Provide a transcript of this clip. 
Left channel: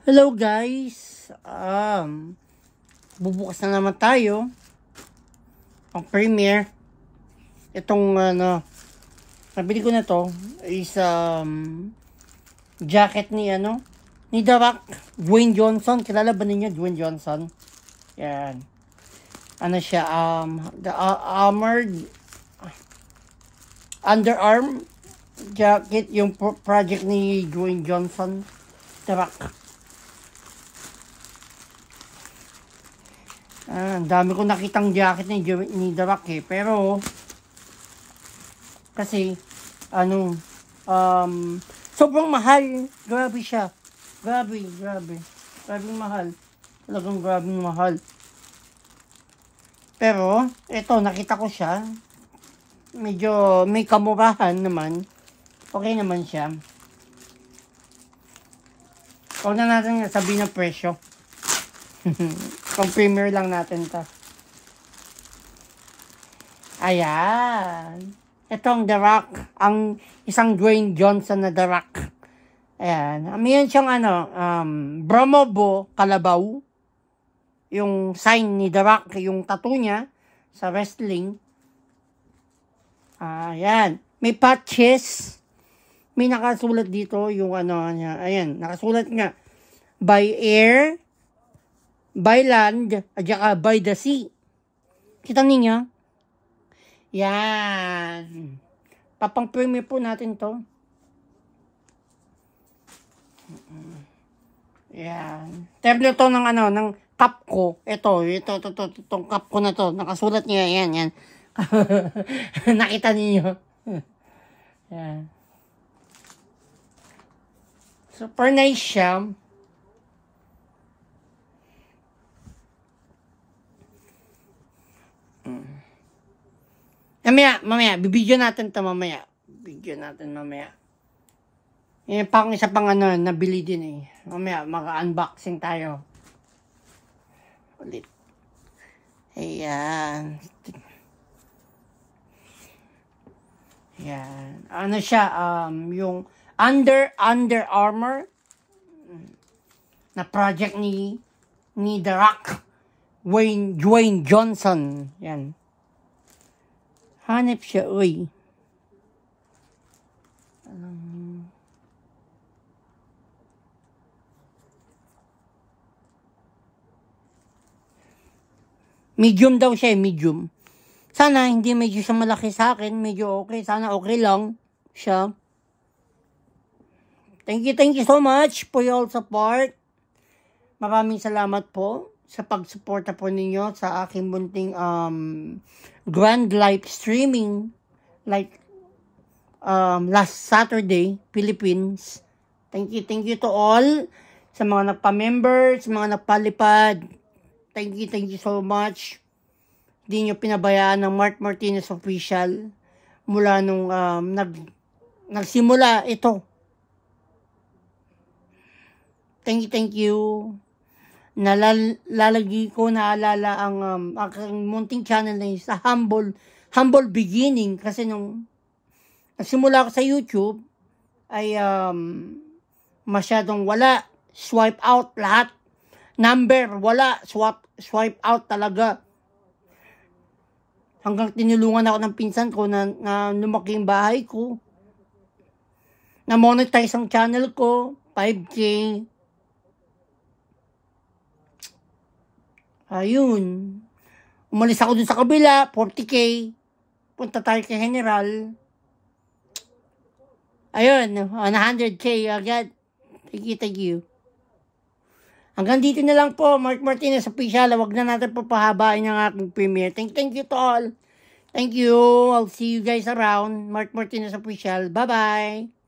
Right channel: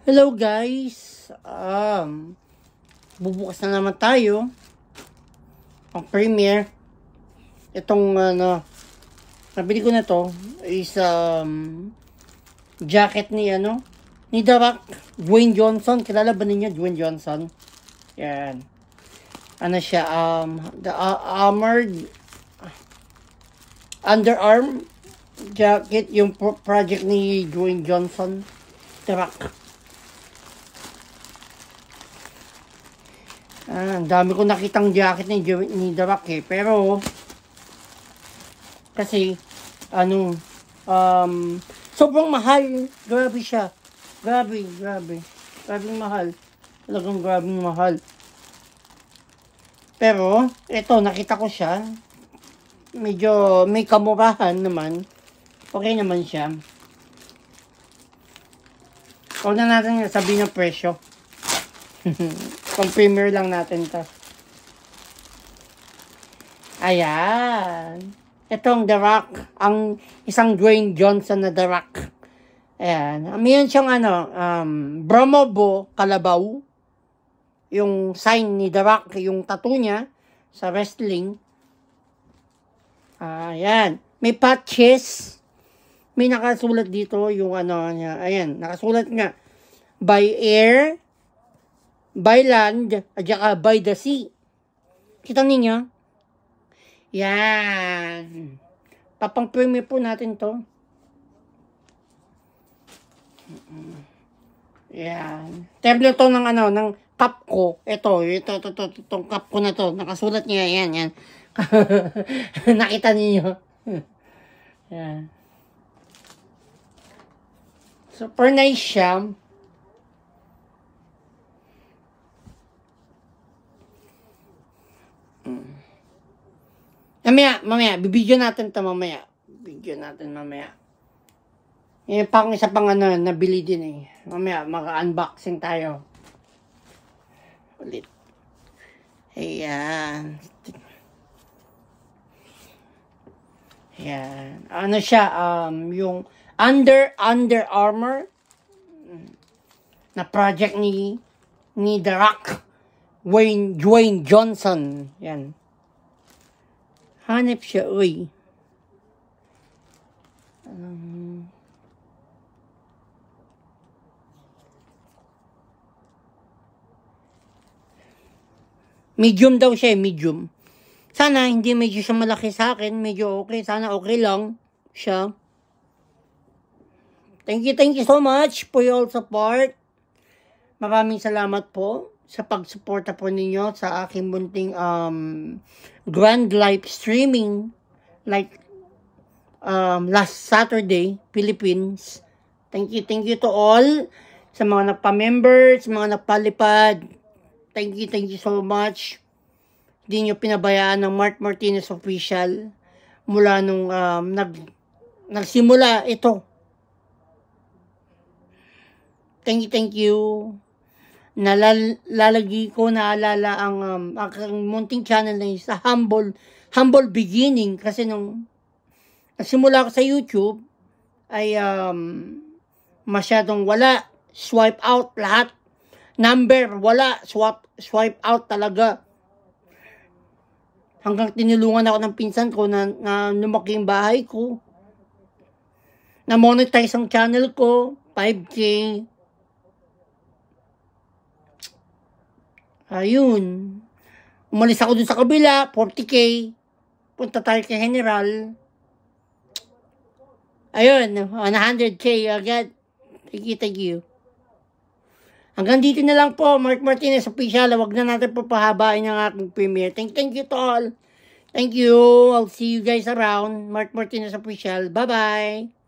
Hello guys, bubukas na naman tayo ang premiere. Itong nabili ko na to is jacket ni ni The Rock, Dwayne Johnson. Kilala ba ninyo Dwayne Johnson? Yan. Ano siya, the armored underarm jacket, yung project ni Dwayne Johnson, The Rock. Ang dami ko nakitang jacket ni The Rock pero kasi sobrang mahal. Grabe siya. Grabe mahal. Talagang grabing mahal. Pero ito, nakita ko siya. Medyo may kamurahan naman. Okay naman siya. Huwag na natin sabihin ng presyo. Kung premiere lang natin to. Ayan. Itong The Rock. Ang isang Dwayne Johnson na The Rock. Ayan. Ayan siyang Bromobo Kalabaw. Yung sign ni The Rock. Yung tattoo niya sa wrestling. Ayan. May patches. May nakasulat dito yung niya. Ayan. Nakasulat nga. By air, by land, at saka by the sea. Kita ninyo? Yan. Papang-premiere po natin to. Yan. Template to ng ng cup ko. Itong cup ko na to. Nakasulat niya. Yan. Nakita ninyo? Yan. Super nice siya. Mamaya, bibidyo natin ito mamaya. Pang isa pang nabili din Mamaya, maka-unboxing tayo. Ulit. Ayan. Ayan. Ano siya, yung Under Armour na project ni The Rock, Dwayne Johnson. Yan. Hanip siya, uy. Medium daw siya, medium. Sana hindi medyo siya malaki sa akin, medyo okay. Sana okay lang siya. Thank you so much for your support. Maraming salamat po sa pagsuporta po ninyo sa aking munting grand live streaming like last Saturday, Philippines. Thank you to all sa mga nagpa-member, sa mga nagpalipad. Thank you so much. Hindi nyo pinabayaan ng Mark Martinez Official mula nung nagsimula ito. Thank you. Naalala ang aking munting channel na sa humble beginning, kasi nung nagsimula ako sa YouTube ay masyadong wala, swipe out lahat, number wala, swipe out talaga, hanggang tinulungan ako ng pinsan ko na lumaki yung bahay ko, na monetize ang channel ko, 5K. Ayun. Umalis ako dun sa kabila, 40K. Punta tayo kay General. Ayun, 100K agad. Thank you. Hanggang dito na lang po, Mark Martinez Official. Huwag na natin po pahabain ang aking premiere. Thank you to all. Thank you. I'll see you guys around. Mark Martinez Official. Bye-bye.